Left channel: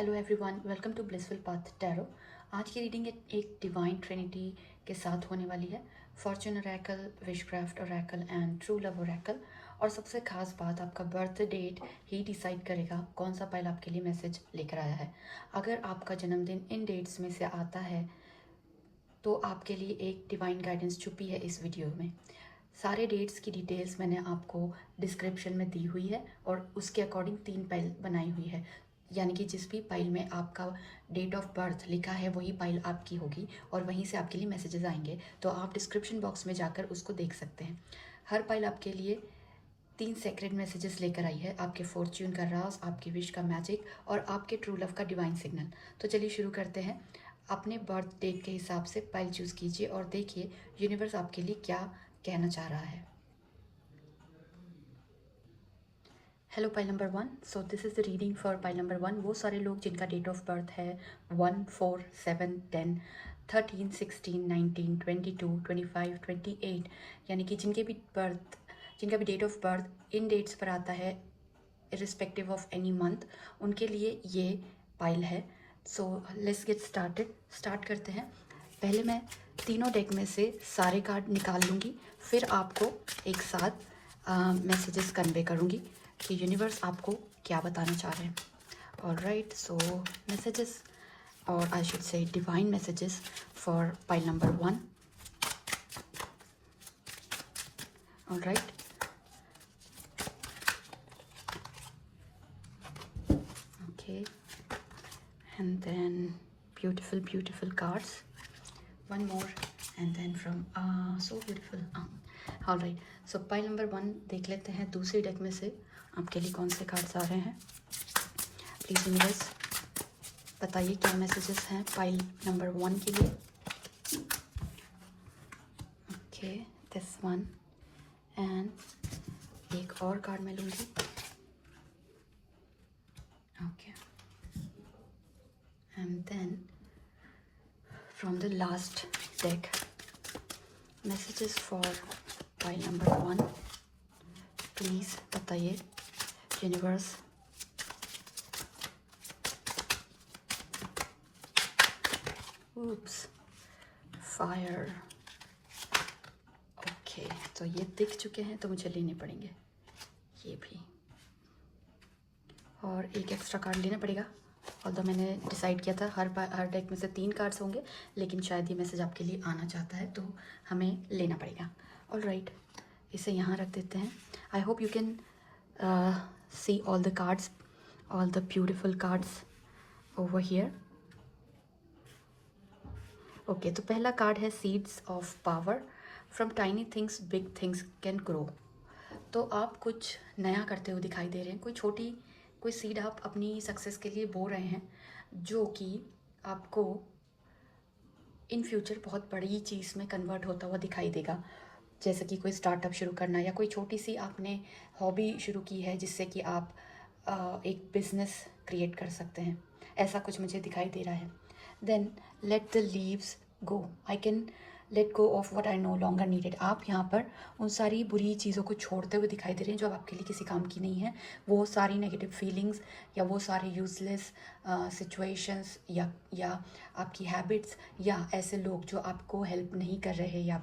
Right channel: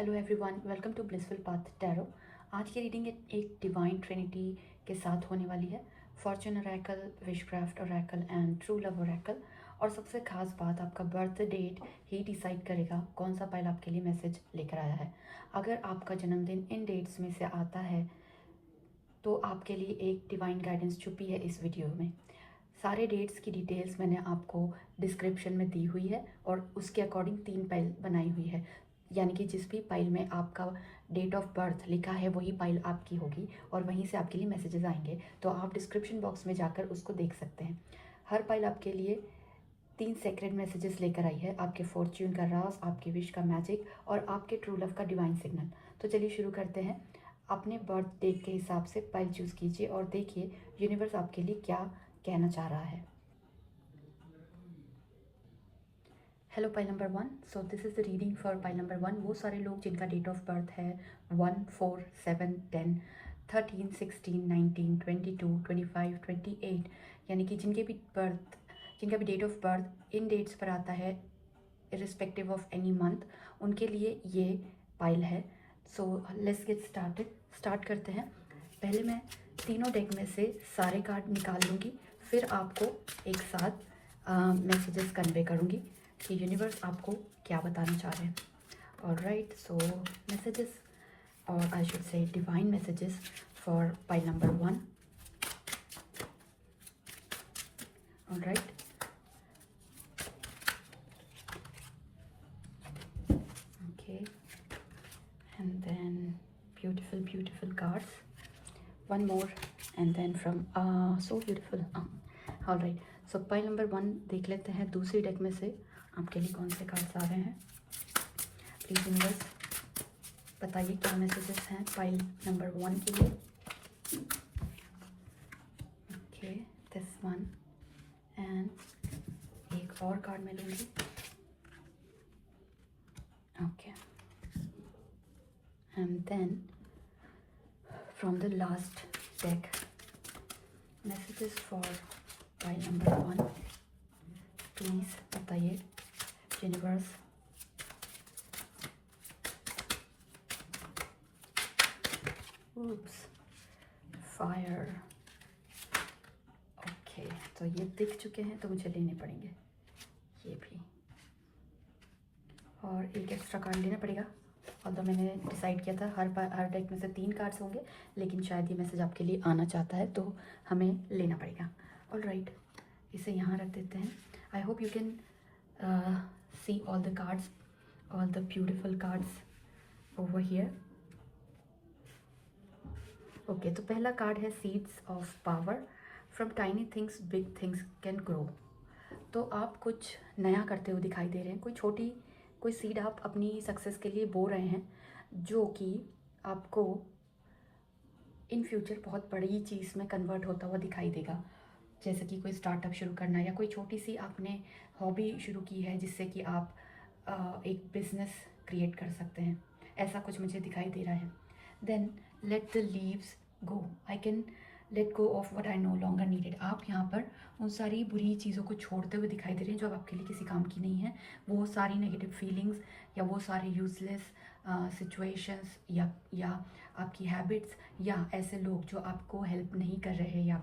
Hello everyone, welcome to blissful path tarot. आज की reading एक डिवाइन ट्रिनिटी के साथ होने वाली है। Fortune oracle, wishcraft oracle and true love oracle. और सबसे खास बात, आपका बर्थ डेट ही डिसाइड करेगा कौन सा पाइल आपके लिए मैसेज लेकर आया है। अगर आपका जन्मदिन इन डेट्स में से आता है तो आपके लिए एक डिवाइन गाइडेंस छुपी है इस वीडियो में। सारे डेट्स की डिटेल्स मैंने आपको डिस्क्रिप्शन में दी हुई है और उसके अकॉर्डिंग 3 पाइल बनाई हुई है, यानी कि जिस भी पाइल में आपका डेट ऑफ बर्थ लिखा है वही पाइल आपकी होगी और वहीं से आपके लिए मैसेजेस आएंगे। तो आप डिस्क्रिप्शन बॉक्स में जाकर उसको देख सकते हैं। हर पाइल आपके लिए 3 सेक्रेट मैसेजेस लेकर आई है, आपके फॉर्च्यून का राज, आपके विश का मैजिक और आपके ट्रू लव का डिवाइन सिग्नल। तो चलिए शुरू करते हैं। अपने बर्थ डेट के हिसाब से पाइल चूज़ कीजिए और देखिए यूनिवर्स आपके लिए क्या कहना चाह रहा है। Hello pile number 1। So this is the reading for pile number 1। वो सारे लोग जिनका डेट ऑफ बर्थ है 1, 4, 7, 10, 13, 16, 19, 22, 25, 28, यानी कि जिनका भी डेट ऑफ बर्थ इन डेट्स पर आता है इरिस्पेक्टिव ऑफ एनी मंथ, उनके लिए ये पाइल है। सो लेट्स गेट स्टार्ट करते हैं। पहले मैं तीनों डेक में से सारे कार्ड निकाल लूँगी, फिर आपको एक साथ मैसेजेस कन्वे करूँगी कि यूनिवर्स आपको क्या बताना चाह रहे हैं। ऑलराइट, सो मैसेजेस, और I should say divine messages for pile number 1। Alright, okay, and then beautiful cards, one more, and then from so beautiful. All right, so pile number 1 देख लेते हैं दूसरी डेक में से आपके लिए कौन से कार्ड्स आ रहे हैं। प्लीज यूनिवर्स बताइए क्या मैसेजेस हैं पाइल नंबर 1 के लिए। ओके, दिस वन, एंड एक और कार्ड मैं लूँगी। Okay, and then from the last deck, messages for pile number 1, please बताइए यूनिवर्स। oops, fire. ओके, तो ये दिख चुके हैं तो मुझे लेने पड़ेंगे ये भी, और एक एक्स्ट्रा कार्ड लेना पड़ेगा। और तो मैंने डिसाइड किया था हर डेक में से 3 कार्ड्स होंगे, लेकिन शायद ये मैसेज आपके लिए आना चाहता है तो हमें लेना पड़ेगा। ऑलराइट, इसे यहाँ रख देते हैं। आई hope you can see all the cards, all the beautiful cards over here. Okay, तो पहला कार्ड है seeds of power. From tiny things big things can grow. तो आप कुछ नया करते हुए दिखाई दे रहे हैं, कोई सीड आप अपनी सक्सेस के लिए बो रहे हैं, जो कि आपको इन फ्यूचर बहुत बड़ी चीज़ में कन्वर्ट होता हुआ दिखाई देगा। जैसे कि कोई स्टार्टअप शुरू करना या कोई छोटी सी आपने हॉबी शुरू की है जिससे कि आप एक बिजनेस क्रिएट कर सकते हैं, ऐसा कुछ मुझे दिखाई दे रहा है। Then let the leaves go, I can let go of what I no longer needed. आप यहाँ पर उन सारी बुरी चीज़ों को छोड़ते हुए दिखाई दे रहे हैं जो अब आपके लिए किसी काम की नहीं है। वो सारी नेगेटिव फीलिंग्स या वो सारे यूजलेस सिचुएशंस या आपकी हैबिट्स या ऐसे लोग जो आपको हेल्प नहीं कर रहे या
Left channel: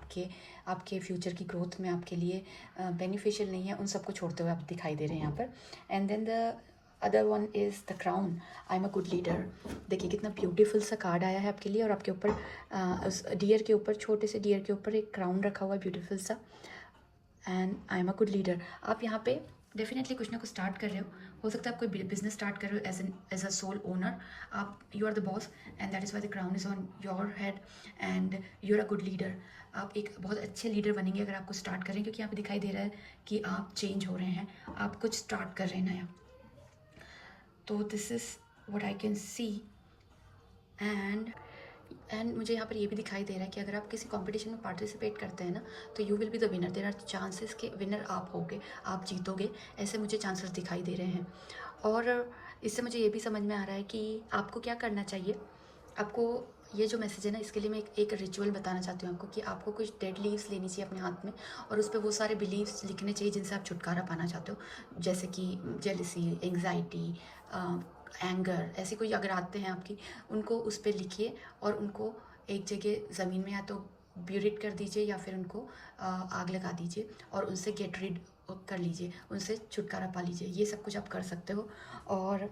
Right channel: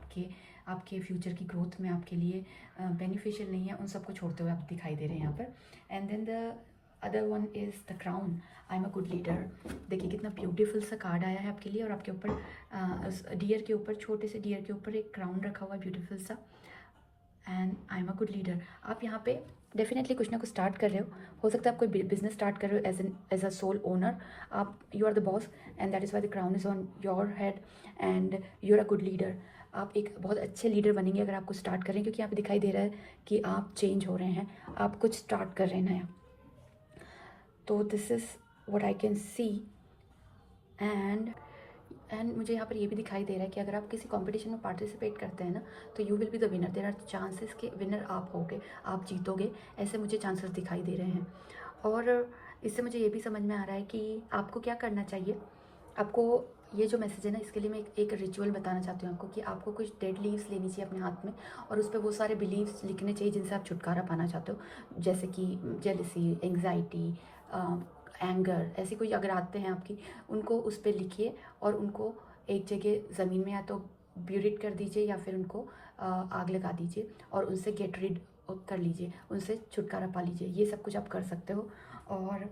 आपके फ्यूचर की ग्रोथ में आपके लिए बेनिफिशियल नहीं है, उन सबको छोड़ते हुए आप दिखाई दे रहे हैं यहाँ पर। And then the other one is the crown, I am a good leader. देखिए कितना ब्यूटीफुल सा कार्ड आया है आपके लिए, और आपके ऊपर उस डियर के ऊपर, छोटे से डियर के ऊपर एक क्राउन रखा हुआ है ब्यूटीफुल सा। And I am a good leader. आप यहाँ पे डेफिनेटली कुछ ना कुछ स्टार्ट कर रहे हो सकता है आप कोई बिजनेस स्टार्ट कर रहे हो एज अ सोल ओनर। आप you are the boss and that is why the crown is on your head and you are a good leader. आप एक बहुत अच्छे लीडर बनेंगे अगर आपको स्टार्ट करें, क्योंकि यहाँ पे दिखाई दे रहा है कि आप चेंज हो रहे हैं, आप कुछ स्टार्ट कर रहे हैं नया। तो this is what I can see. And मुझे यहाँ पर ये भी दिखाई दे रहा है कि अगर आप किसी कंपटीशन में पार्टिसिपेट करते हैं ना, तो you will be the winner. There are chances कि विनर आप होगे, आप जीतोगे, ऐसे मुझे चांसेस दिखाई दे रहे हैं। और इससे मुझे ये भी समझ में आ रहा है कि आपको क्या करना चाहिए। आपको ये जो मैसेज है ना, इसके लिए मैं एक रिचुअल बताना चाहती हूँ आपको कि आपको कुछ डेड लीव्स लेनी चाहिए अपने हाथ में और उस पर वो सारे बिलीव्स लिखने चाहिए जिनसे आप छुटकारा पाना चाहते हो, जैसे कि जेलसी, एंग्जाइटी, एंगर, ऐसे कोई अगर आते हैं आपकी, उनको उस पर लिखिए और उनको एक जगह ज़मीन में या तो ब्यूरिट कर दीजिए या फिर उनको आग लगा दीजिए और उनसे गेट रीड कर लीजिए, उनसे छुटकारा पा लीजिए। ये सब कुछ आप कर सकते हो और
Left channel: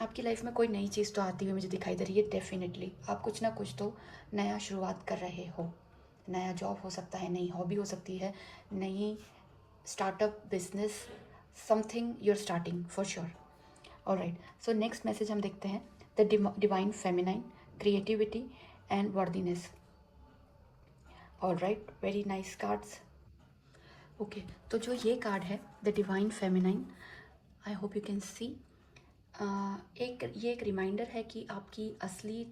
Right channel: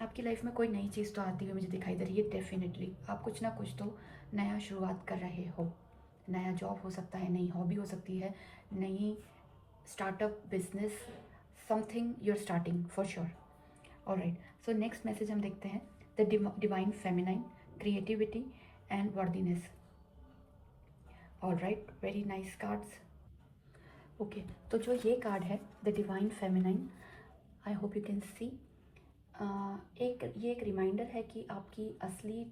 आपकी लाइफ में कोई नई चीज़ तो आती हुई मुझे दिखाई दे रही है। डेफिनेटली आप कुछ ना कुछ तो नया शुरुआत कर रहे हो। नया जॉब हो सकता है, नई हॉबी हो सकती है, नई startup business, something you are starting for sure. Alright, so next message हम देखते हैं। The divine feminine, creativity and worthiness. Alright, very nice cards. Okay, तो जो ये कार्ड है the divine feminine, I hope you can see, एक reminder है कि आपकी असली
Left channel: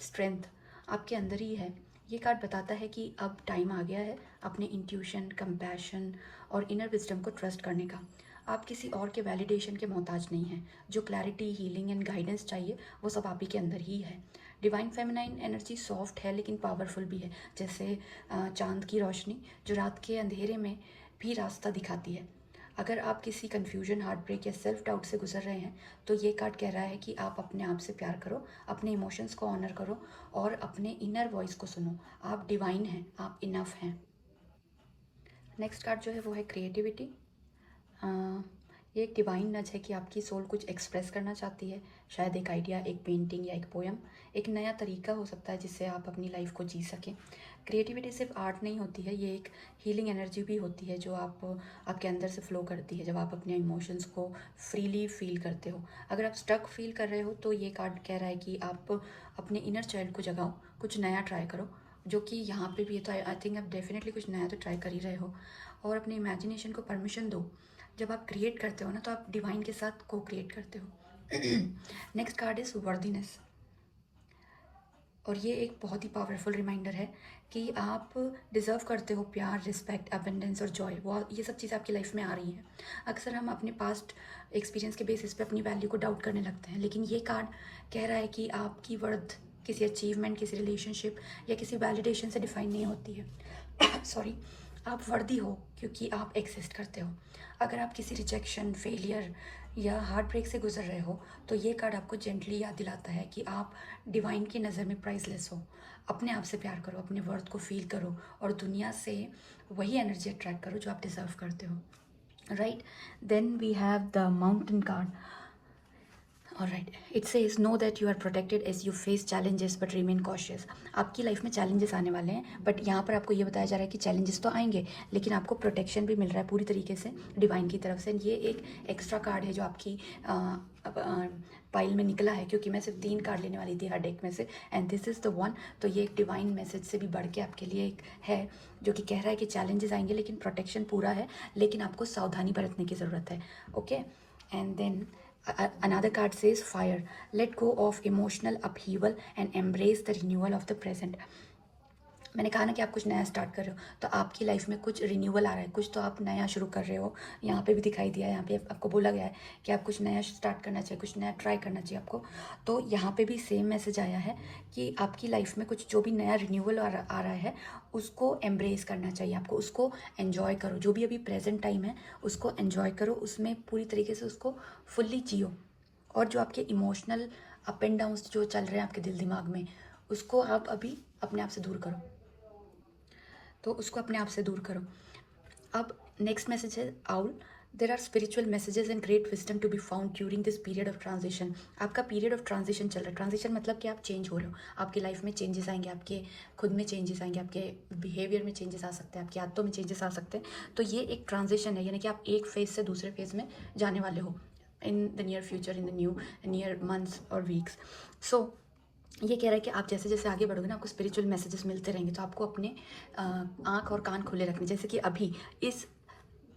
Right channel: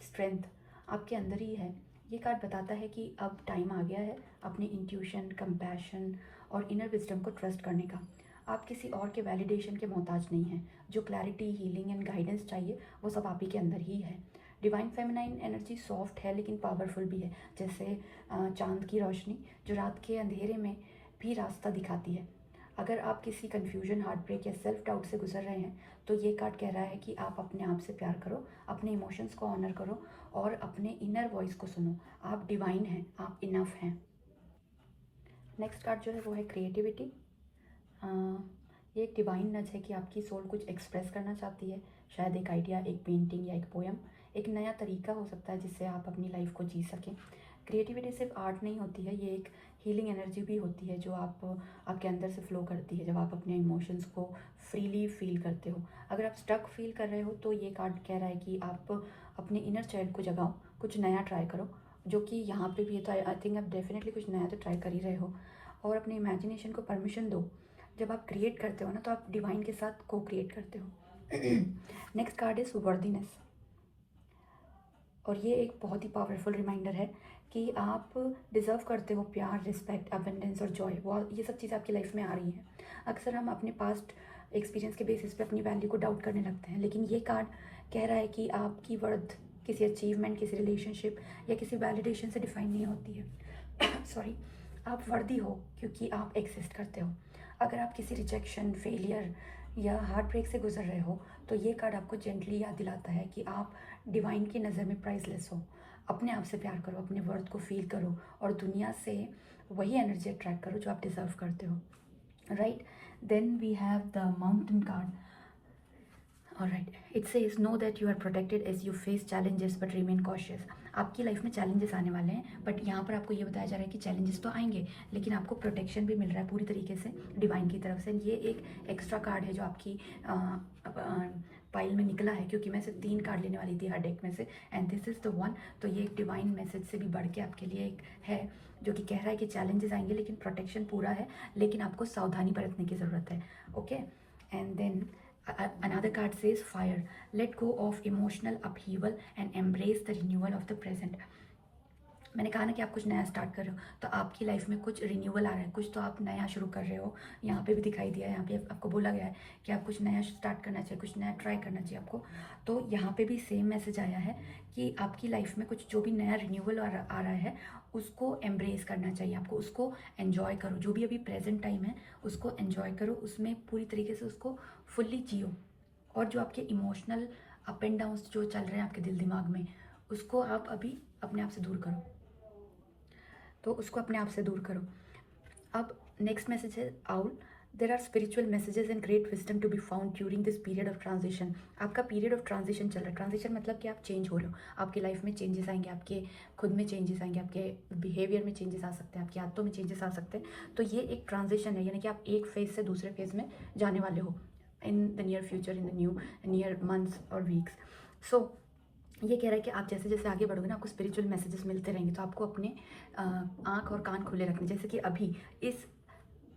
स्ट्रेंथ आपके अंदर ही है। ये कार्ड बताता है कि अब टाइम आ गया है अपने इंट्यूशन, कंपैशन और इनर विजडम को ट्रस्ट करने का। आप किसी और के वैलिडेशन के मोहताज नहीं हैं। जो क्लैरिटी, हीलिंग एंड गाइडेंस चाहिए वो सब आप ही के अंदर ही है। डिवाइन फेमिनाइन एनर्जी सॉफ्ट है लेकिन पावरफुल भी है, जैसे चांद की रोशनी जो रात के अंधेरे में भी रास्ता दिखाती है। अगर आप किसी कन्फ्यूजन, हार्ट ब्रेक या सेल्फ डाउट से गुजर रहे हैं तो ये कार्ड कह रहा है कि आप अपने आप से प्यार करो, अपने इमोशंस को ऑनर करो और अपने इनर वॉइस को सुनो। आप डिवाइन हैं, आप इनफ हैं। नेक्स्ट कार्ड जो है वो है क्रिएटिविटी। ये एक डिवाइन नच है कि आपकी सोल कुछ एक्सप्रेस करना चाहती है, शायद एक आइडिया, एक पेंटिंग या एक पोएम, एक नया तरीका हो सकता है जिससे आप अपनी लाइफ को जी सकें। क्रिएटिविटी सिर्फ आर्ट नहीं होती है, ये एक हीलिंग एनर्जी भी होती है जो आपके अंदर से फ्लो करती है जब आप अपने इमोशंस को फ्रीली फील करते हो। अगर आप स्टक फील कर रहे हो तो ये कार्ड कह रहा है कि आप अपने इनर चाइल्ड को जगाओ, कुछ नया ट्राई करो, जो कि यहाँ पे भी है। तो आई थिंक आप डेफिनेटली कुछ नया तो ट्राई कर ही रहे हो और अपनी इमेजिनेशन को परमिशन दो। जब आप क्रिएट करते हो ना तो आप डिवाइन के साथ को क्रिएट करते हो। नेक्स्ट कार्ड इज वर्दीनेस और ये एक बहुत ही पावरफुल रिमाइंडर है कि आप डिज़र्व करते हो प्यार, रिस्पेक्ट, अबेंडेंस और जॉय। वो ये सब चीज़ें आपकी लाइफ में आ रही हैं। अक्सर हम अपने पास्ट एक्सपीरियंस के बेसिस पे अपनी वैल्यू को डाउट करने लगते हैं, लेकिन ये कार्ड कह रहा है कि आपकी वर्थ किसी अचीवमेंट, किसी रिलेशनशिप या किसी वैलिडेशन से डिफाइन नहीं होती है। सॉरी, आप वर्दी हो क्योंकि आप एग्जिस्ट करते हो। अगर आप किसी रिजेक्शन, फेलियर या हार्ट ब्रेक से गुजर रहे हो तो ये कार्ड आपको जेंटली याद दिलाता है कि आप डिवाइन की नज़र में प्राइसलेस हो। अपने आप से प्यार करो, अपने वर्थ को फील करो और दुनिया से वही एनर्जी अट्रैक्ट करो जो आप डिज़र्व करते हो। Right, then we have the mountain card. Alright, it says know that you are protected as you face challenges but remain cautious. आपकी लाइफ में चैलेंजेस आने वाले हैं, बट यहाँ पर आपको ये बताया जा रहा है कि चैलेंजेस तो आएंगे लेकिन आपको प्रोटेक्शन भी मिल रहा है पूरी तरीके से डिवाइन की तरफ से। ये एक एक्स्ट्रा कार्ड है जो आपकी पाइल में निकला है, क्योंकि मैं सिर्फ 3 कार्ड लेने वाली थी हर डेक में से and this is the one. तो ये एक डिवाइन मैसेज से भी बढ़ के आपके लिए एक है जो कि कह रहा है कि चैलेंजेस आएंगे लेकिन प्रोटेक्शन पूरा है, लेकिन आपको सावधानी बरतने की ज़रूरत है। Okay, and then another card says fire, let go of emotional upheaval and embrace the renewal of the present। मैंने कहा ना कि आप कुछ नया स्टार्ट कर रहे हो तो आपकी लाइफ में कुछ रिन्यूअल आ रहा है, कुछ तो आप नया शुरू कर रहे हो। यहाँ पे भी दिखाई दिया, यहाँ पे आपको बोला गया है कि आप कुछ नया स्टार्ट करना चाहिए, कुछ नया ट्राई करना चाहिए आपको। तो यहाँ पे भी सेम मैसेज आया है कि आपकी लाइफ में कुछ जो भी नया रिन्यूअल आ रहा है उसको एम्ब्रेस करना चाहिए आपको, उसको एन्जॉय करो। जो भी अभी प्रेजेंट टाइम है उसको एन्जॉय करो, उसमें पूरी तरीके से उसको फुल्ली जियो। और जो आपके इमोशनल अप एंड डाउन्स जो चल रहे हैं आपके दिल दिमाग में, उसको आप अभी अपने आप से दूर करो, तो उसको अपने आप से दूर करो। अब नेक्स्ट मैसेज है owl, there are spiritual messages and great wisdom to be found during this period of transition. आपका पीरियड ऑफ ट्रांजिशन चल रहा है। ट्रांजिशन मतलब कि आप चेंज हो रहे हो, आपकी लाइफ में चेंजेस आएंगे, आपके खुद में चेंजेस आएंगे, आपके बिहेवियर में चेंजेस आ सकते हैं, आपकी आदतों में चेंजेस आ सकते हैं। तो ये एक ट्रांजिशन है, यानी कि आप एक फेज़ से दूसरे फेज़ में जाने वाले हो in the near future, in the near months और वीक्स। सो ये कह रहा है कि आप जैसे जैसे आगे बढ़ोगे ना आपको स्पिरिचुअल मैसेजेस मिलते रहेंगे, तो आपको अपने आँख और कान खुले रखने। जैसे कि अभी इस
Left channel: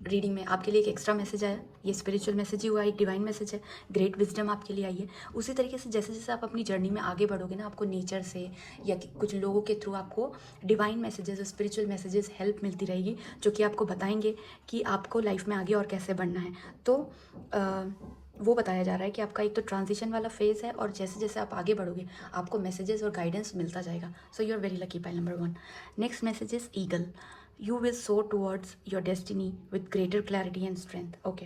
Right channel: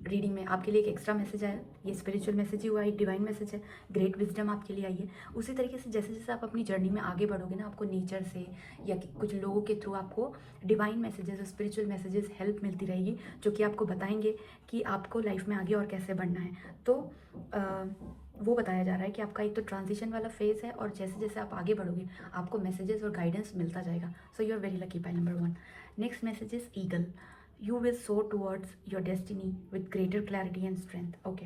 रीडिंग में आपके लिए एक एक्स्ट्रा मैसेज आया, ये स्पिरिचुअल मैसेज ही हुआ, एक डिवाइन मैसेज है, ग्रेट विजडम आपके लिए आई है। उसी तरीके से जैसे जैसे आप अपनी जर्नी में आगे बढ़ोगे ना, आपको नेचर से या कुछ लोगों के थ्रू आपको divine messages, spiritual messages, help मिलती रहेगी जो कि आपको बताएंगे कि आपको लाइफ में आगे और कैसे बढ़ना है। तो वो बताया जा रहा है कि आपका एक तो ट्रांजिशन वाला फेज़ है और जैसे जैसे आप आगे बढ़ोगे आपको मैसेजेस और गाइडेंस मिलता जाएगा. So you are very lucky. Pile number 1. Next message is eagle. You will soar towards your destiny with greater clarity and strength. Okay,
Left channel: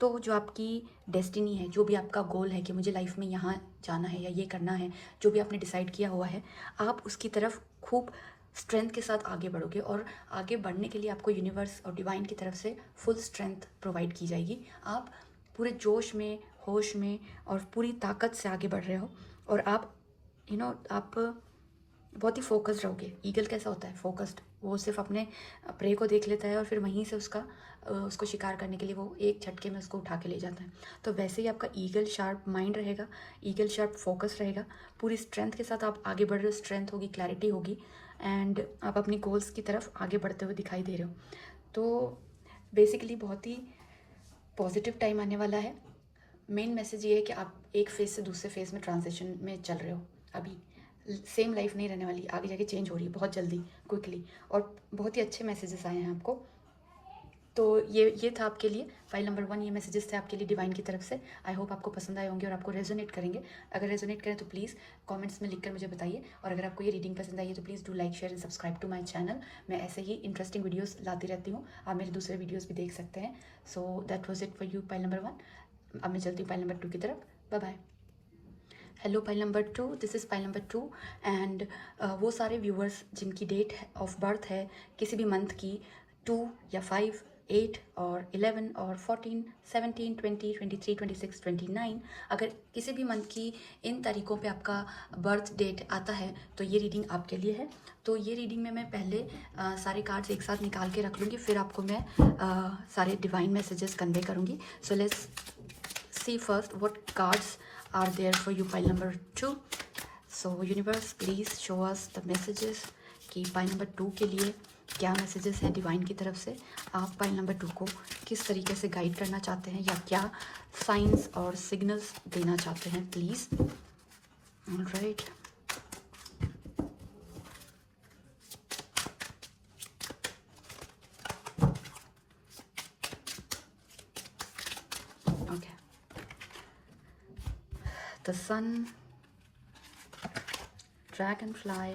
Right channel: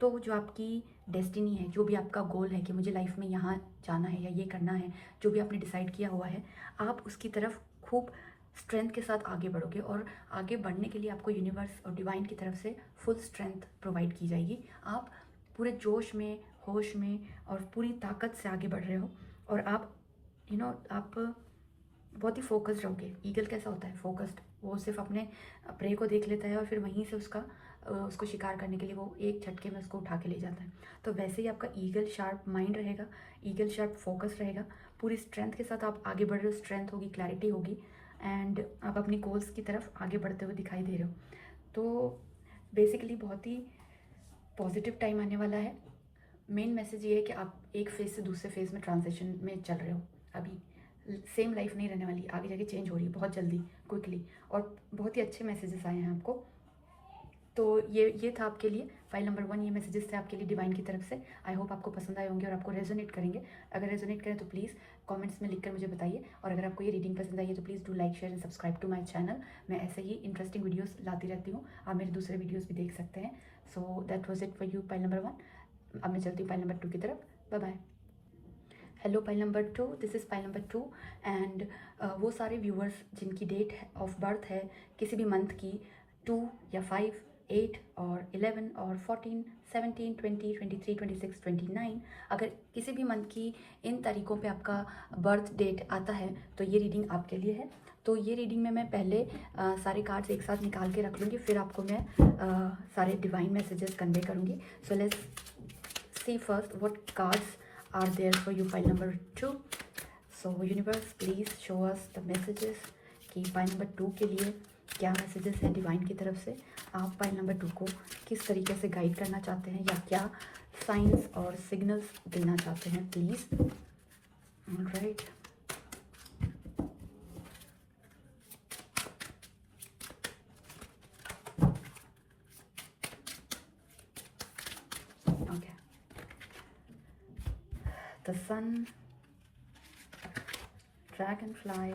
तो जो आपकी डेस्टिनी है, जो भी आपका गोल है कि मुझे लाइफ में यहाँ जाना है या ये करना है, जो भी आपने डिसाइड किया हुआ है, आप उसकी तरफ खूब स्ट्रेंथ के साथ आगे बढ़ोगे. और आगे बढ़ने के लिए आपको यूनिवर्स और डिवाइन की तरफ से फुल स्ट्रेंथ प्रोवाइड की जाएगी. आप पूरे जोश में, होश में और पूरी ताकत से आगे बढ़ रहे हो और आप आप बहुत ही फोकस्ड रहोगे. ईगल कैसा होता है? फोकस्ड. वो सिर्फ अपने प्रे को देख लेता है और फिर वहीं से उसको शिकार करने के लिए वो एक झटके में उसको उठा के ले जाता है. तो वैसे ही आपका ईगल शार्प माइंड रहेगा, ईगल शार्प फोकस रहेगा, पूरी स्ट्रेंथ के साथ आप आगे बढ़ रहे हो. स्ट्रेंथ होगी, क्लैरिटी होगी एंड आप अपनी गोल्स की तरफ आगे बढ़ते हुए दिखाई दे रहे हो. तो बेसिकली बहुत ही पॉजिटिव टाइम आने वाला है. मेन मैसेज ये है कि आप एक फेज़ से दूसरे फेज़ में ट्रांजिशन में चल रहे हो. अभी सेम लाइफ नहीं रहने वाली, आगे जाके चेंज हो रही है बहुत जल्दी, क्विकली. और बहुत ही अच्छे मैसेजेस आए हैं आपको. तो ये था आपके लिए फाइल नंबर 1. ये मैसेजेस थे आपके लिए डिवाइन की तरफ से. आई होप आपको पसंद आए होंगे और आपको रेजोनेट करेंगे. अगर रेजोनेट करें तो प्लीज़ कमेंट्स में लिखकर मुझे बताइए. और अगर आपको ये रीडिंग पसंद आई है तो please do like, share and subscribe to my channel. मैं ऐसे ही इंटरेस्टिंग वीडियोस लाती रहती हूँ. आप मेरे दूसरे वीडियोस भी देख सकते हैं. So that was it for you pile number 1. अब मैं चलती हूँ पाइल नंबर 2 की तरफ. Bye bye. Hello pile number 2, this is pile number 2 and वो सारे व्यूअर्स जिनकी डेट ऑफ बर्थ है किसी भी मंथ की 2 या 5, 8 और 11 और 14, 17, 20, 23, 26, 29, अगर किसी भी मंथ की इन तारीखों पे आपका बर्थ डेट आता है तो ये रीडिंग आपके लिए है. तो ये रीडिंग में मैं पहले सारे कार्ड्स एक साथ निकाल के रख लूँगी, फिर आपको मैं सारे डिवाइन मैसेजेस कन्वे करूँगी. So let's see first what cards are there for you pile number 2. So universe please show us the messages कि पाइल नंबर 2 के लिए क्या मैसेजेस है डिवाइन की तरफ से. आप पाइल नंबर 2 को किस तरीके से गाइड करना चाहते हैं या क्या साइंस और सिग्नल्स देना चाहते हैं please. Alright. Okay, the sun, dragonfly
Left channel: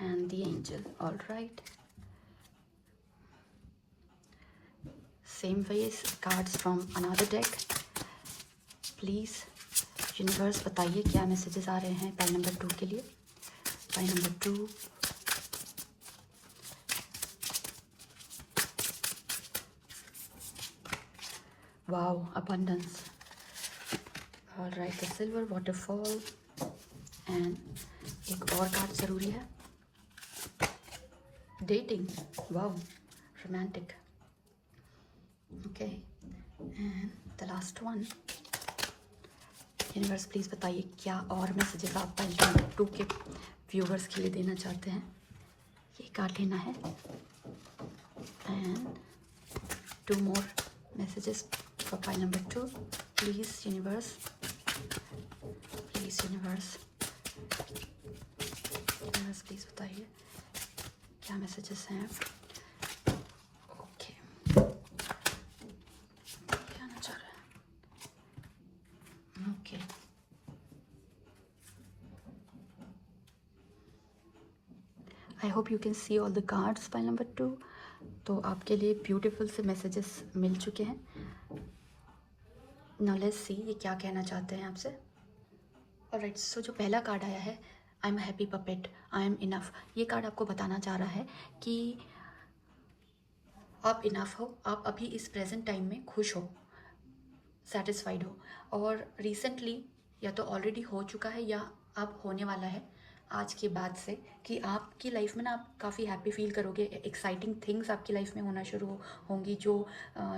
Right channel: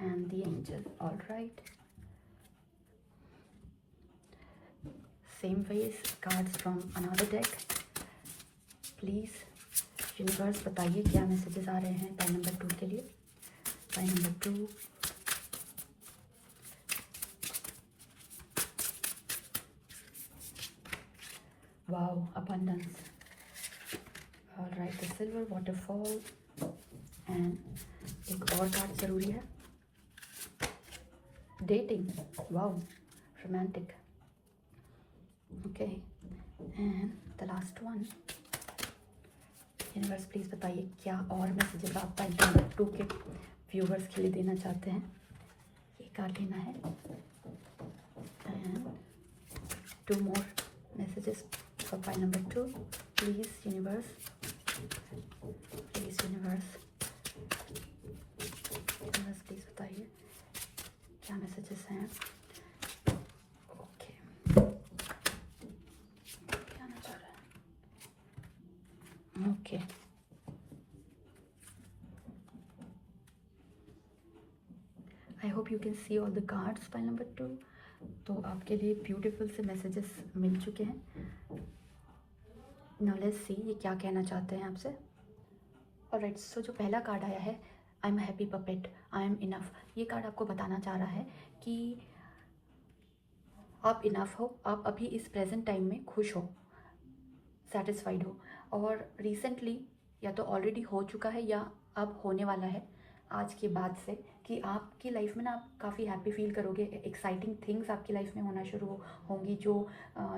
and the angel. All right, same ways cards from another deck. Please universe बताइए क्या मैसेजेस आ रहे हैं पाइल नंबर 2 के लिए. Pile number 2. Wow, abundance. Alright, the silver waterfall and एक और card ज़रूरी है. Dating. Wow, romantic. Okay, and the last one. Universe please बताइए क्या और मैसेजेस आप पाइल नंबर 2 के व्यूवर्स के लिए देना चाहते हैं. ये कार्ड लेना है and 2 more messages for pile number 2. Please universe, please universe, please बताइए क्या मैसेजेस हैं. ओके, आना चाह रहा है. Okay, I hope you can see all the cards pile number 2. तो आपके लिए ब्यूटीफुल से मैसेजेस मिल चुके हैं. नाउ लेट्स सी ये क्या कहना चाहते हैं आपसे. ऑलराइट, सो जो पहला कार्ड आया है, I am happy puppet, I am enough. ये कार्ड आपको बताना चाह रहा है कि आप इनफ हो, आप अभी इस प्रेजेंट टाइम में खुश हो, सेटिस्फाइड हो. और रिसेंटली या तो ऑलरेडी हो चुका है या अब होने वाला है आज के बाद से कि आपकी लाइफ में ना आप काफ़ी हैप्पी फील करोगे. एक्साइटिंग थिंग्स आपकी लाइफ में होना शुरू होंगी जो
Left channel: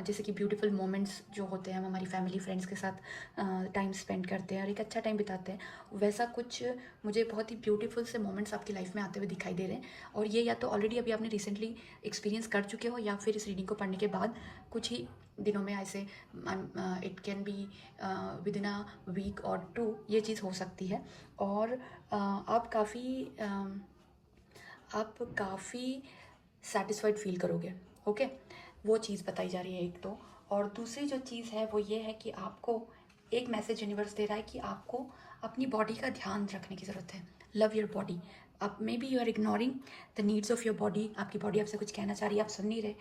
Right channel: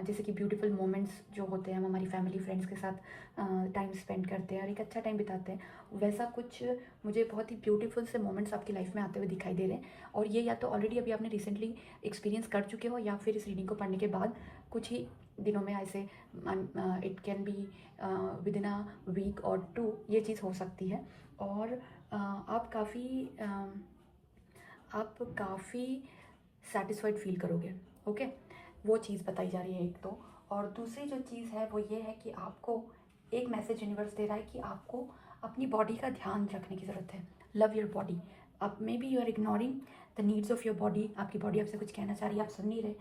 जैसे कि ब्यूटीफुल मोमेंट्स जो होते हैं, हम हमारी फैमिली फ्रेंड्स के साथ टाइम स्पेंड करते हैं और एक अच्छा टाइम बिताते हैं. वैसा कुछ मुझे बहुत ही ब्यूटीफुल से मोमेंट्स आपकी लाइफ में आते हुए दिखाई दे रहे हैं. और ये या तो ऑलरेडी अभी आपने रिसेंटली एक्सपीरियंस कर चुके हो या फिर इस रीडिंग को पढ़ने के बाद कुछ ही दिनों में ऐसे it can be within a week और 2 ये चीज़ हो सकती है. और आप काफ़ी सेटिस्फाइड फील करोगे. ओके, वो चीज़ बताई जा रही है एक तो. और दूसरी जो चीज़ है वो ये है कि आपको एक मैसेज यूनिवर्स दे रहा है कि आपको अपनी बॉडी का ध्यान रखने की ज़रूरत है। Love your body. आप maybe you are ignoring the needs of your body. आपकी बॉडी आपसे कुछ कहना चाह रही है, आप सुन नहीं रहे।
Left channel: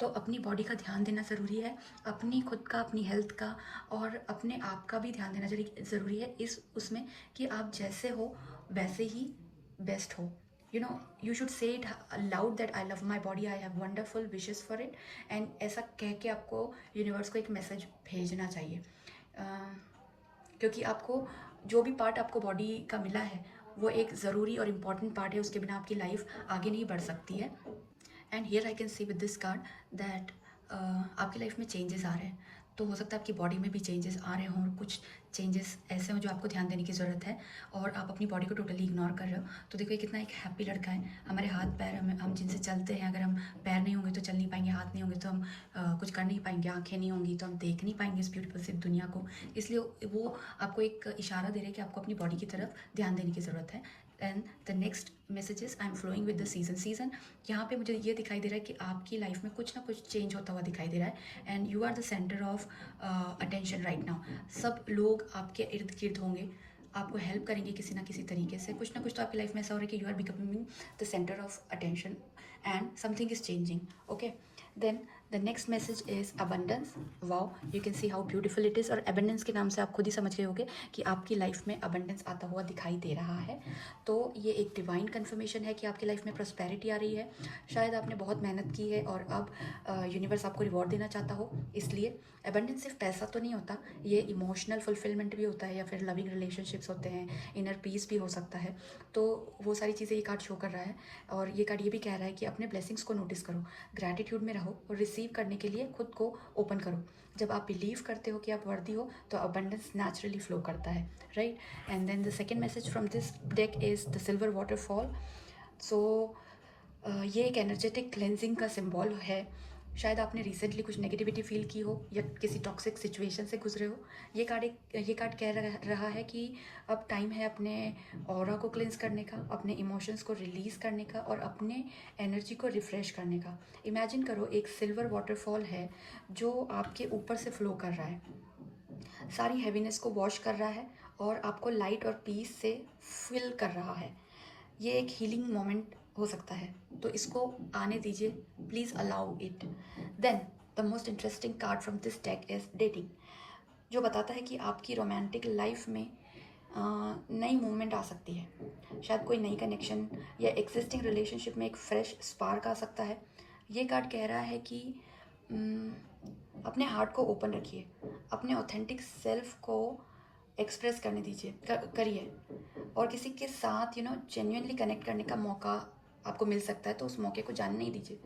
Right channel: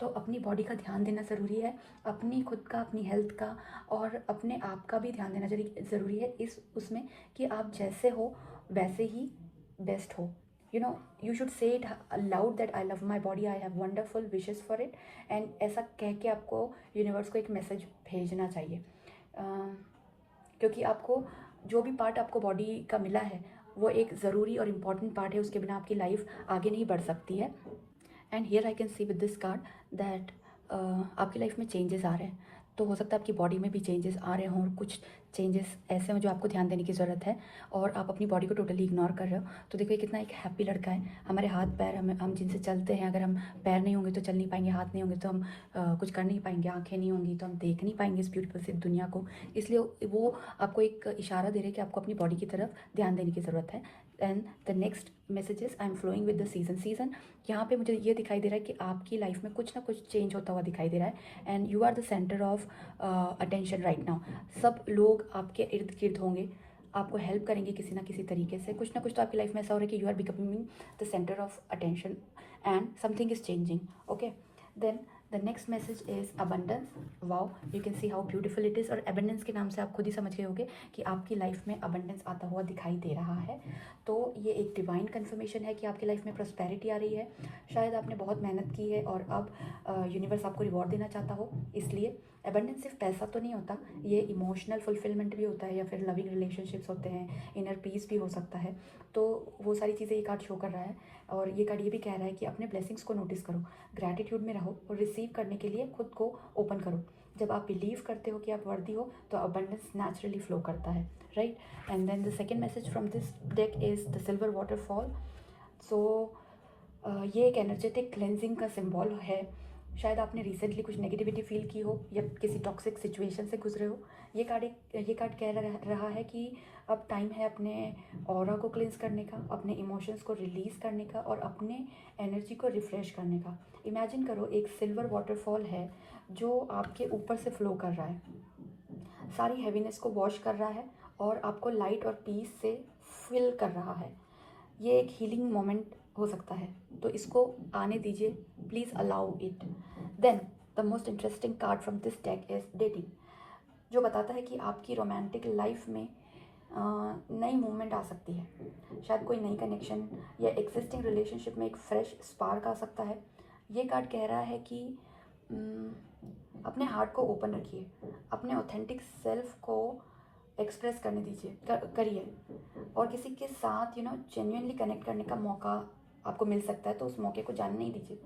तो अपनी बॉडी का ध्यान देना ज़रूरी है, अपनी खुद का, अपनी हेल्थ का और अपने आप का भी ध्यान देना ज़रूरी है इस उसमें कि आप जैसे हो वैसे ही बेस्ट हो। You know, you should say it loud that I love my body, I have wonderful wishes for it. And ऐसा कह के आपको यूनिवर्स को एक मैसेज भेजना चाहिए, क्योंकि आपको जो भी पार्ट आपको बॉडी का मिला है वो एक ज़रूरी और इम्पॉर्टेंट पार्ट है। उसके बिना आपकी लाइफ आगे नहीं बढ़ सकती है। And here I can see with this card that आपकी लाइफ में चेंजेस आ रहे हैं। तो हो सकता है आपकी बॉडी में भी चेंजेस आ रहे हों, और कुछ चेंजेस ऐसे हों जो आपको ध्यान देने की ज़रूरत है, और आप अपनी बॉडी को टोटली इग्नोर कर रहे हो। तो देखो ये कितना एक हैप्पी लड़का है। हमारे हाथ पैर, हम जिनसे चलते हैं, अगर हम पैर नहीं होंगे तो चल नहीं पाएंगे, हाथ नहीं होंगे तो हम कुछ कर नहीं पाएंगे, आंखें नहीं होंगी तो हम देख नहीं पाएंगे इस ब्यूटीफुल से दुनिया को। इसलिए वो आपको एक इशारा दे रहे हैं कि आपको अपनी बॉडी की तरफ ध्यान देने की ज़रूरत है। And the next messages, I am flowing with the season. यहाँ पे मुझे ये दिखाई दे रहा है कि आपकी लाइफ में कुछ ना कुछ चेंज होता हुआ दिखाई दे रहा है। And you are the centre of attention right now. सब लोग आपके इर्द गिर्द होंगे, आपको हेल्प करेंगे किसी ना किसी तरीके से। कुछ ना कुछ तो आपकी लाइफ में ऐसा हो रहा है कि you are becoming the centre of attention and something is changing. Okay, then the next message is abundance. Wow, you can see how beautiful it is. और अबंडेंस के नाम से आप खुद ही समझ गए होंगे कि आपकी लाइफ में अबंडेंस आता हुआ दिखाई दे रहा है। तो ये एक डिवाइन कन्फर्मेशन है कि आपकी लाइफ में प्रॉस्पेरिटी आ रही है। शायद आपने बहुत मेहनत की है और अब यूनिवर्स आपको रिवॉर्ड देना चाहता हो। इसलिए एबंडेंस सिर्फ पैसा तो नहीं होता, ये इमोशनल फुलफिलमेंट भी होता है, या फिर लविंग रिलेशनशिप्स होते हैं, इनर पीस भी हो सकता है। तो वो सारी चीज़ें ये कार्ड शो कर रहा है। और ये कार्ड ये भी कह रहा है कि अपने ब्लेसिंग्स को नोटिस करो, ग्रैटिट्यूड में रहो और रिसीव करने के लिए खुद को ओपन करो। जब आप बिलीव करते हो कि आप वर्दी हो तो अबंडेंस नेचुरली फ्लो करता है, right. And then the second message from this deck is the silver waterfall. So ये एक एनर्जेटिक क्लेंजिंग का सिंबल है। शायद आपने रिसेंटली कुछ नेगेटिविटी फील की हो या किसी टॉक्सिक सिचुएशन से गुजरे हो। ये कार्ड कह रहा है कि अब टाइम है अपने ऑरा को क्लेंस करने का, अपने इमोशंस को रिलीज़ करने का और अपने एनर्जी को रिफ्रेश करने का। इमेजिन करो एक सिल्वर वाटरफॉल है जो आपके ऊपर से फ्लो कर रहा है, सारी हैवीनेस को वॉश कर रहा है और आपको लाइट और पीस से फिल कर रहा है। ये एक हीलिंग मोमेंट हो सकता है, तो इसको आने दीजिए, please allow it. Then the most interesting card from this deck is dating, जो बताता है कि आपकी रोमांटिक लाइफ में नई मूवमेंट आ सकती है। शायद कोई नई कनेक्शन या एग्जिस्टिंग रिलेशनशिप में एक फ्रेश स्पार्क आ सकता है। ये कार्ड कह रहा है कि अपने हार्ट को ओपन रखिए, अपने ऑथेंटिक सेल्फ को एक्सप्रेस करने दीजिए, करिए, और किसी के साथ जेन्युइनली कनेक्ट करने का मौका आपको मिल सकता है, तो उस मौके को जाने नहीं दीजिए।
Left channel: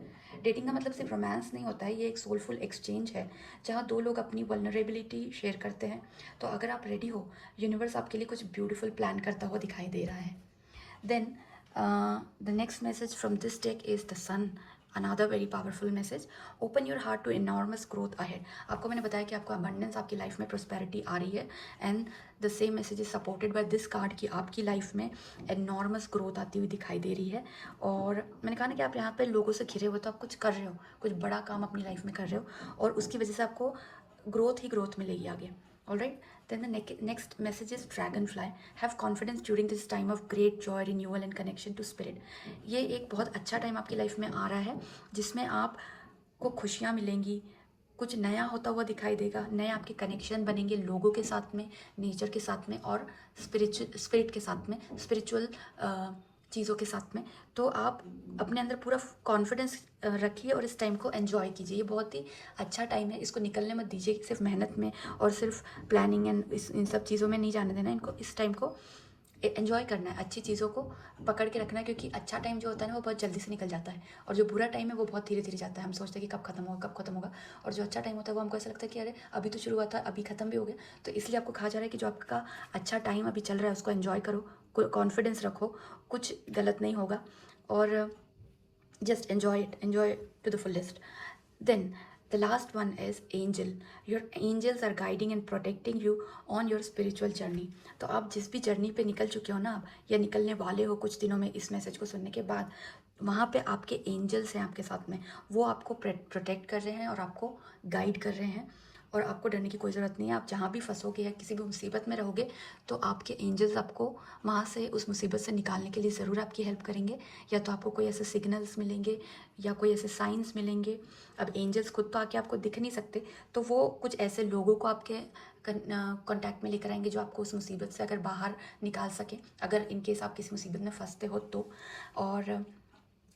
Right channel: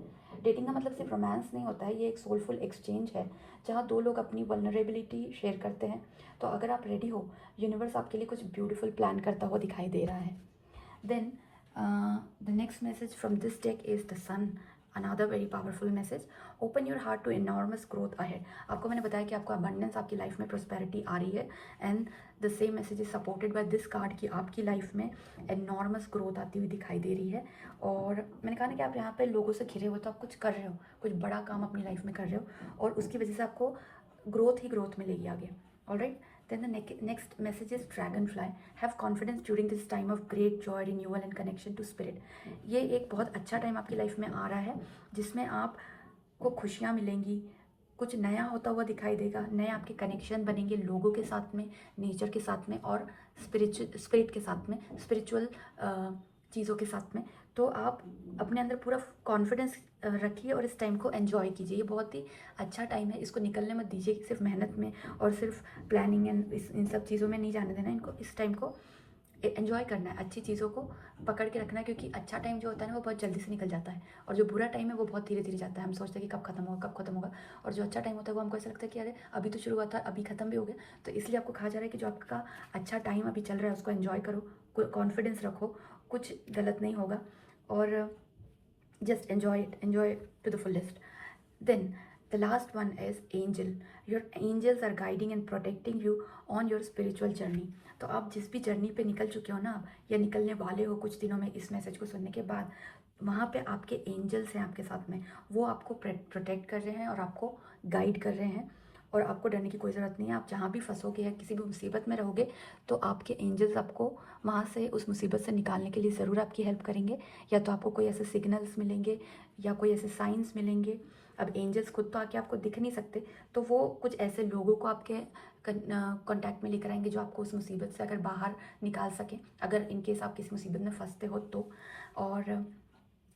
डेटिंग का मतलब सिर्फ रोमांस नहीं होता है, ये एक सोलफुल एक्सचेंज है जहाँ दो लोग अपनी वल्नरेबिलिटी शेयर करते हैं। तो अगर आप रेडी हो, यूनिवर्स आपके लिए कुछ ब्यूटीफुल प्लान करता हुआ दिखाई दे रहा है। Then the next message from this deck is the sun, another very powerful message. Open your heart to enormous growth ahead. आपको मैंने बताया कि आपको अबंडेंस, आपकी लाइफ में प्रोस्पेरिटी आ रही है। And the same message is supported by this card कि आपकी लाइफ में एनॉर्मस ग्रोथ आती हुई दिखाई दे रही है। और मैंने कहा ना कि आप यहाँ पे लोगों से घिरे हुए, तो आप कुछ कर रहे हो, कुछ बड़ा काम अपनी लाइफ में कर रहे हो, और उसकी वजह से आपको ग्रोथ ही ग्रोथ मिलेगी आगे। Alright, then the next message is dragonfly. Have confidence during this time of great joy, renewal and connection to spirit. ये एक बहुत अच्छा टाइम आपकी लाइफ में आ रहा है जिसमें आपको खुशियाँ मिलेंगी, कुछ नया होता हुआ दिखाई देगा, नए आपके कनेक्शन बनेंगे लोगों के साथ में, नेचर के साथ में और स्पिरिट के साथ में, स्पिरिचुअल चीज़ों के साथ में। तो आप अपने अंदर पूरा कॉन्फिडेंस रखिए और इस टाइम को एंजॉय कीजिए। ये बहुत ही अच्छा टाइम है, इसको निकलने मत दीजिए कि सिर्फ मेहनत में और सिर्फ प्लानिंग एंड इन सब चीज़ों में नहीं जाने देना। इनको, इस टाइम को एंजॉय करना है, अच्छी चीज़ों को पकड़ के रखना है, क्योंकि अच्छा टाइम जो होता है ना वो बहुत जल्दी से निकल जाता है, और जो बुरा टाइम है वो बहुत धीरे धीरे जाता है। हम सोचते हैं कि कब खत्म होगा, कब खत्म होगा, और जो अच्छा टाइम होता है वो हमको ऐसा लगता है कि अरे अभी तो शुरू हुआ था, अभी खत्म भी हो गया। तो इसलिए आपको कहा जा रहा है कि जो आपका अच्छा टाइम अभी चल रहा है उसको एंजॉय करो, कॉन्फिडेंस रखो, कुछ गलत नहीं होगा, और just enjoy it to the fullest. Then the last one is angel. Your angels are guiding and protecting you on your spiritual journey. तो आप जिस भी जर्नी पे निकल चुके हो ना, या निकलने वाले हो कुछ दिनों में इस मैसेज को सुनने के बाद, वहाँ पे आपके एंजल्स हैं आपके साथ में, वो आपको प्रोटेक्ट कर रहे हैं और आपको गाइड कर रहे हैं। और आपको डरने की कोई ज़रूरत नहीं है। आप जहाँ भी फंसोगे या किसी भी मुसीबत में रहोगे तो आपके एंजल्स आपको वहाँ से उस मुसीबत से निकालने के लिए ज़रूर आपकी हेल्प करेंगे। या तो आपको कोई ऐसे सिग्नल्स मिलेंगे या कोई ऐसे साइंस मिलेंगे। अब एंजल्स खुद तो आके आपको दिख नहीं सकते, तो वो कुछ ऐसे लोगों को आपके कॉन्टैक्ट में लेकर आएंगे जो आपको उस मुसीबत से अगर बाहर निकाल सके, अगर इनकेस आप किसी मुसीबत में फंसते हो तो। और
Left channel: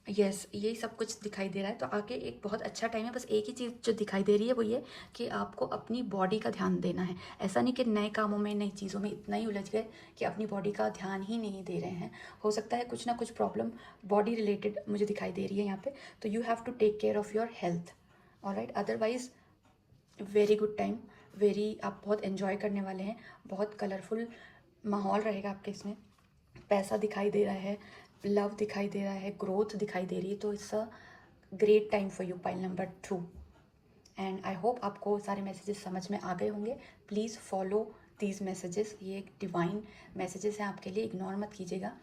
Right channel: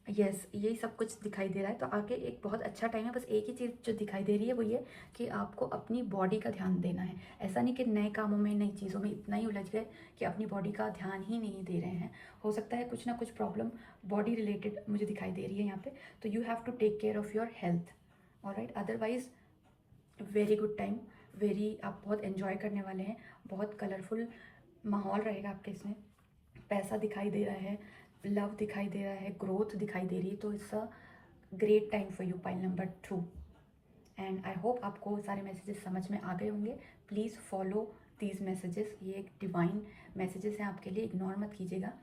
यस, यही सब कुछ दिखाई दे रहा है। तो आगे एक बहुत अच्छा टाइम है। बस एक ही चीज़ जो दिखाई दे रही है वो ये कि आपको अपनी बॉडी का ध्यान देना है। ऐसा नहीं कि नए कामों में, नई चीज़ों में इतना ही उलझ गए कि अपनी बॉडी का ध्यान ही नहीं दे रहे हैं। हो सकता है कुछ ना कुछ प्रॉब्लम बॉडी रिलेटेड मुझे दिखाई दे रही है यहाँ पे। तो you have to take care of your health, alright. Otherwise very good time, very, आप बहुत एन्जॉय करने वाले हैं। बहुत कलरफुल माहौल रहेगा आपके इसमें। पैसा दिखाई दे रहा है, लव दिखाई दे रहा है, ग्रोथ दिखाई दे रही है। तो it's a great time for you, pile number 2। And I hope आपको सारे मैसेजेस समझ में आ गए होंगे। प्लीज़ फॉलो दीज मैसेजेस, ये एक डिवाइन मैसेजेस हैं आपके लिए, इग्नोर मत कीजिएगा।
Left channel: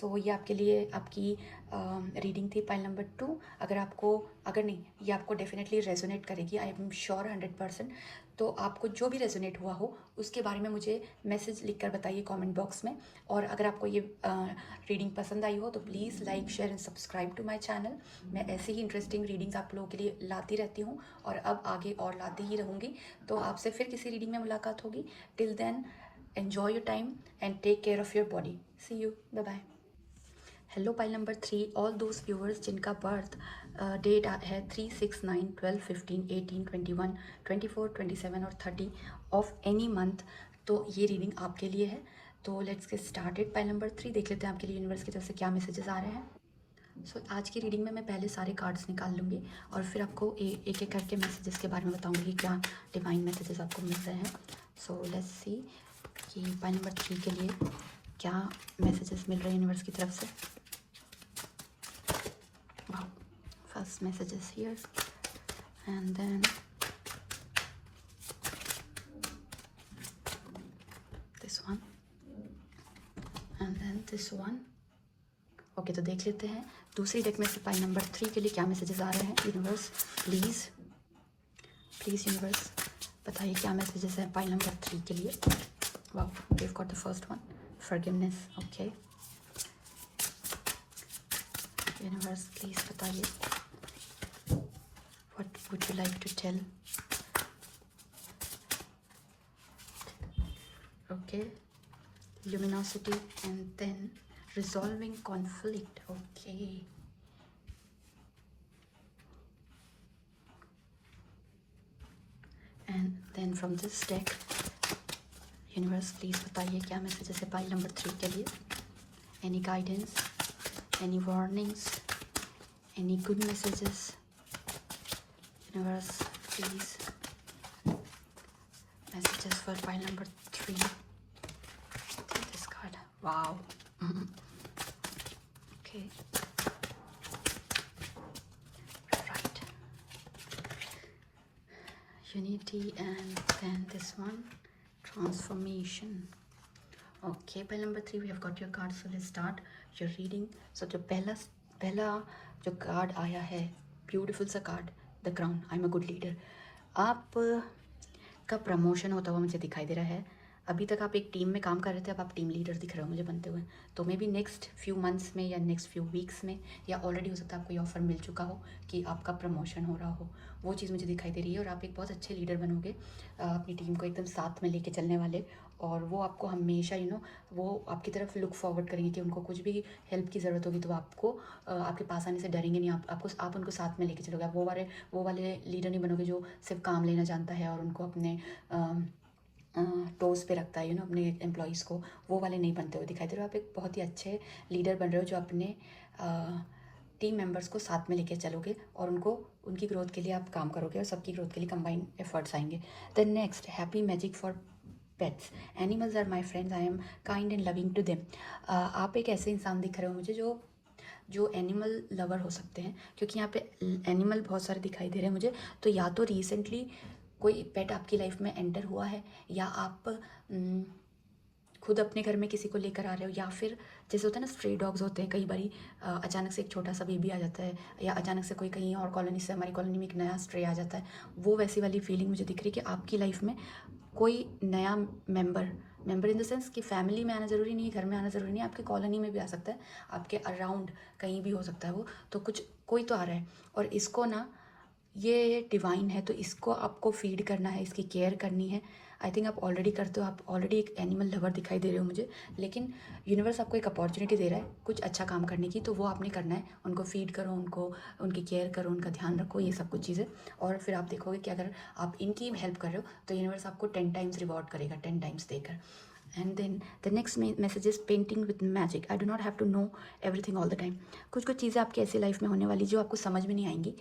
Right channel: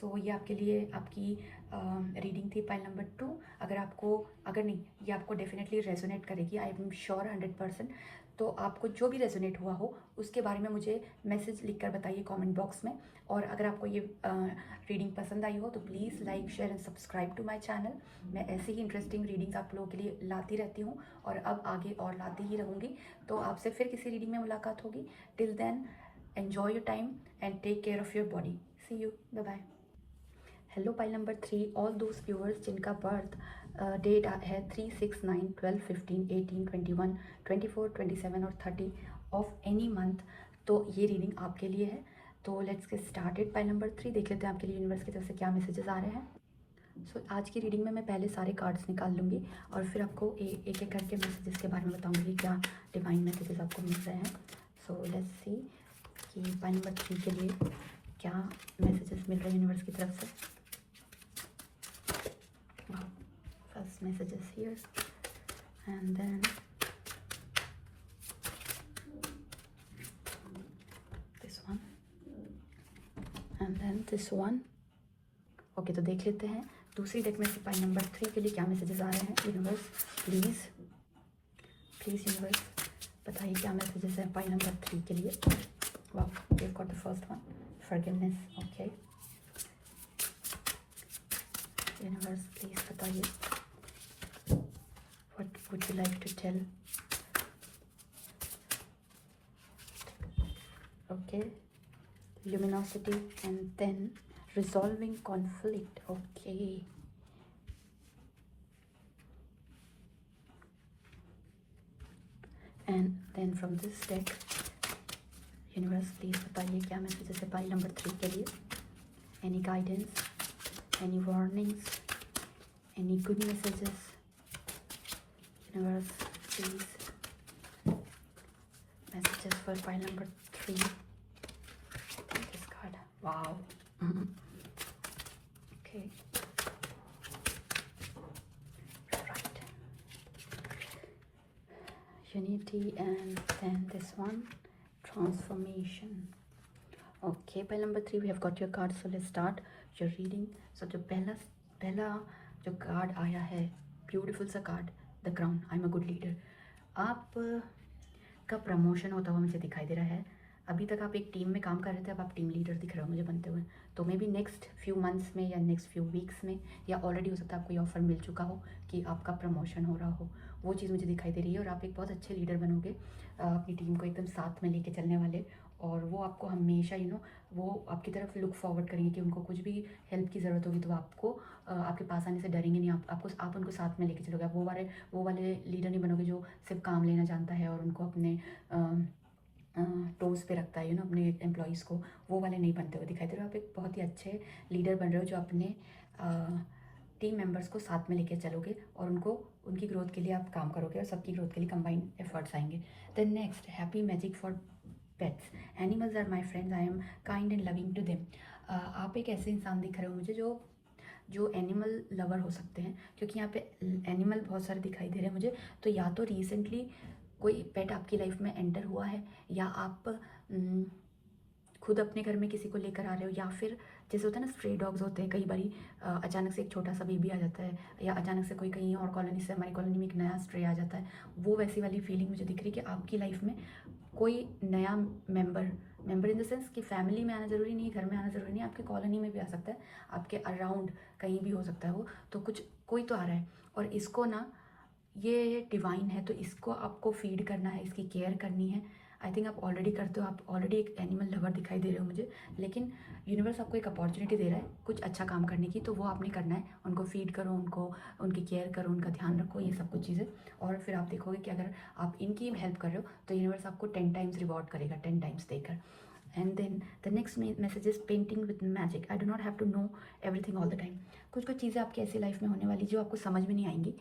सो ये आपके लिए आपकी रीडिंग थी पाइल नंबर 2। अगर नहीं, ये आपको डेफिनेटली रेजोनेट करेगी, आई एम श्योर 100%। तो आपको जो भी रेजोनेट हुआ हो उसके बारे में मुझे मैसेज लिखकर बताइए कमेंट बॉक्स में। और अगर आपको ये रीडिंग पसंद आई हो तो please like, share and subscribe to my channel. मैं ऐसी ही इंटरेस्टिंग रीडिंग्स आप लोगों के लिए लाती रहती हूँ और अब आगे और लाती ही रहूँगी। तो आपसे फिर किसी रीडिंग में मुलाकात होगी। Till then, enjoy your time and take care of your body. See you, bye bye. Hello pile number 3, all those viewers जिनका बर्थ डेट है 3, 6, 9, 12, 15, 18, 21, 24, 27 और 30 ऑफ एनी मंथ, तो ये रीडिंग आपके लिए है। तो let's get started. Pile number 3 देख लेते हैं आपके लिए यूनिवर्स की तरफ से क्या मैसेजेस आ रहे हैं। सो आज की रीडिंग में मैं पहले सारे कार्ड्स निकाल लूँगी और फिर आपको एक एक करके मैसेजेस के बारे में बताऊँगी क्या डिवाइन मैसेजेस आपको मिल रहे हैं। सो लेट्स सी कि पाइल नंबर 3 के लिए क्या मैसेजेस मिल रहे हैं यूनिवर्स की तरफ से। Wow. First message is here, and then this one, and then this one. Okay, तो देख लेते हैं दूसरी डेक में से पाइल नंबर 3 के लिए क्या मैसेजेस आ रहे हैं। यूनिवर्स प्लीज़, प्लीज़ यूनिवर्स बताइए क्या मैसेजेस है पाइल नंबर 3 के लिए। Wow, we have got the first one, forgiveness. Okay universe please बताइए what would you like to tell. Okay, luminosity and then resolving conflict. Okay, and then from this deck, universe please बताइए क्या messages है pile number 3 के लिए। Any guidance, any warnings, any good messages. Universe please, messages for pile number 3. Take this card. Wow. Okay, right, unity, and then this one, transformation. Okay, pile number 3, we have got your card. So let's start your reading. So जो पहला जो card आया है, beautiful सा card, the crown. I am a good leader. आप का promotion होता हुआ मुझे दिखाई दे रहा है। अभी तक आप एक टीम में काम कर रहे थे, अब आप टीम लीडर दिख रहे हो मुझे बनते हुए। तो may be next few months में या नेक्स्ट फ्यू वीक्स में, या ऑलरेडी हो सकता है आपको ये ऑफर मिल चुका हो कि आपका प्रमोशन हो रहा हो, वो चीज़ मुझे दिखाई दे रही है। और आप एक बहुत अच्छे लीडर बनोगे, अपनी टीम को एकदम साथ में लेके चलने वाले। और वो आपको हमेशा वो आपकी तरफ लुक फॉरवर्ड करेंगे कि उनको कुछ भी हेल्प की ज़रूरत होगी तो आपको आपके पास आने से डरेंगे नहीं। आप उनको साथ में लेके चलोगे। आप वो वाले लीडर नहीं बनोगे जो सिर्फ काम लेना जानता है और उनको अपने टोज पे रखता है अपने एम्प्लॉयज़ को। वो वाले नहीं बनते हुए दिखाई दे रहे हो। आप एक बहुत ही अच्छे लीडर बन रहे हो जो अपने टीम मेंबर्स को साथ में लेके चलोगे और उनकी ग्रोथ के लिए आप काम करोगे और सबकी ग्रोथ के लिए कंबाइंड एफर्ट्स आएंगे। Then next, happy magic for pets. Animals are my friends, I am kind and loving to them. आप एक ऐसे इंसान दिख रहे हो मुझे जो एनिमल लवर हो सकते हैं, क्योंकि यहाँ पे एनिमल बहुत सारे दिखाई दे रहे हैं मुझे। तो या तो रिसेंटली कोई पेट आपकी लाइफ में एंटर हुआ है, या आप खुद अपने घर में किसी को लेकर आ रहे हो, या फिर जैसे होता है ना स्ट्री डॉग्स होते हैं कई बारी, अचानक से एक छोटा सा बेबी आ जाता है, या अचानक से कोई कहीं और कॉलोनी से हमारी कॉलोनी में एक नया स्ट्रे आ जाता है, वो वैसी वाली फीलिंग मुझे दिख रही है कि आपकी लाइफ में कोई नया मेंबर इन द सेंस कि फैमिली में आना ज़रूरी नहीं है, घर में आना ज़रूरी नहीं है, आपके कॉलोनी में भी आ सकता है, आपके अराउंड कहीं भी हो सकता है वो, तो कुछ कोई तो आ रहा है। और इसको ना, ये डिवाइन है, तो इसको आपको फीड करना है, इसकी केयर करनी है। आई थिंक आप ऑलरेडी करते हो, आप ऑलरेडी एक एनिमल लवर दिखाई दे रहे हो मुझे, लेकिन यूनिवर्स आपको एक अपॉर्चुनिटी दे रहा है कुछ अच्छा काम करने की, तो वो आपने करना है। उनको फीड करो, उनकी केयर करो, उनका ध्यान रखो, ये सब कुछ चीज़ें। और फिर आप देखोगे कि अगर आप इनकी हेल्प कर रहे हो तो यूनिवर्स आपको 10 टाइम्स रिवॉर्ड करेगा, 10 टाइम्स देकर। And then the next message is painting with magic. I do not have to know everything all the time. कुछ कुछ चीज़ें आपकी ऐसी लाइफ में होने वाली जो आपको समझ में नहीं आएंगी